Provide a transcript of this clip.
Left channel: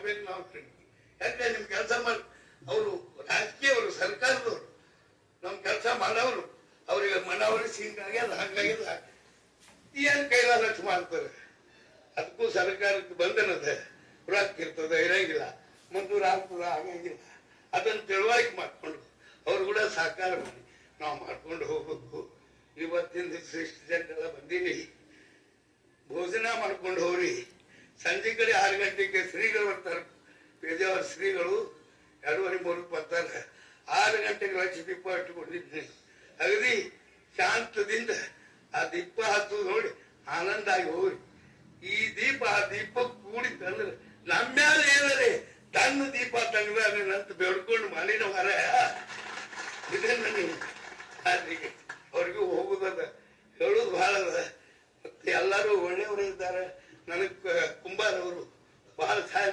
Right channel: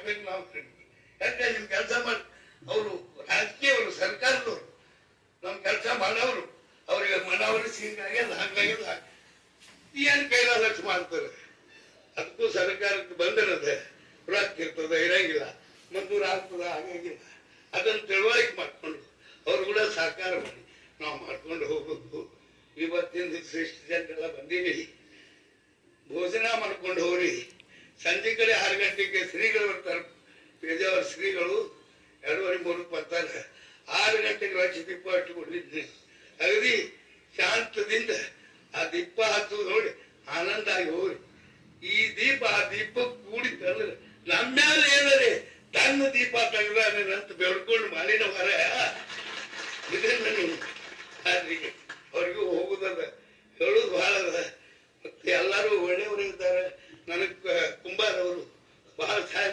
ಮಾಡ್ಬೇಕು ನಾವು. ಯಾಕೆ ನಿಮ್ ಕೆಲಸ ಮಾಡಿ ಅವರು ರಾಜಕೀಯವರು ಸರ್ಕಾರದವರು ನಮ್ ಕೆಲಸ ಮಾಡೋರು ಅವ್ರಿಗೆ ಮನವೊಲಿಸಿ ಹಿಂಗಾಗ್ಯದ ಹಂಗಾಗ್ಯದ ಏನ್ ಕೈಲಾಲಕ್ಷ ಮಾಡ್ತಾರೆ. ಅದಕ್ಕೂ ಸರ್ಕಾರಕ್ಕೆ ಬಂಧನದ ರೊಕ್ಕ ಇರ್ತದ ಇರಂಗಿಲ್ಲ, ಮಂಜೂರು ಆಗ್ತದ ಆಗಂಗಿಲ್ಲ. ಅದನ್ನು ತಿಳುವಳಿಕೆ ಮಾಡ್ಕೊಂಡು ಅವ್ರು ಕೂಡ ಸಹಕಾರ ಮಾಡಿ ನಾವು ಮಾಡ್ಕೊಂಡು ಹೋಗ್ಬೇಕು. ಇವತ್ತಿನ ದಿವಸ ಇಷ್ಟು ಜನರೆಲ್ಲ ಬಂದೀವಿ, ಭೋಜನ ಮಾಡ್ಕೊಂಡು ಹೋಗ್ರಿ. ಸಂಜೆ ಕಡೆ 6 ಗಂಟೆಗೆ ಶ್ರೀಗಳು ಬರ್ತಾರೆ, ಪೇಜಾವರ ಶ್ರೀಗಳು 2:30 ಬರ್ತಾರೆ. 6 ಗಂಟೆಗೆ ಲಕ್ಷ ದೀಪ ಇಟ್ಟುಕೊಂಡಿದ್ದೆ. ಅಗದಿ ಶಾಂತದಿಂದ ಆ ದೀಪ ಹಚ್ಚೋದು ನೋಡಿ ಆನಂದ ಆಗಿ ಹೋಗ್ರಿ. ಈ ದೀಪ ಆ ದೀಪ ಕೂಡಿತ್ತಂದ್ರೆ ನಮ್ಮ್ಯಾಲ ಏನರೇ ತನ್ನ ದೀಪ ತೆಗೆದಂತ ಬೆಳ್ಕೊಂಡು ಮಾಲಿನ ಮರ ಇದನ್ನ ನೀವು ಅವ್ರಿಗೂ ಹೋಗುದದ ಹೇಳುದು ಬಹಳ ಅದ. ಮತ್ತೆ ಎಲ್ಲರೂ ಒಳ್ಳೆಯವರು ಇದ್ದಾರೆ. ನನಗೆ ಕುಂಬಾರವರು ಬಹಳ ಸಹಾಯ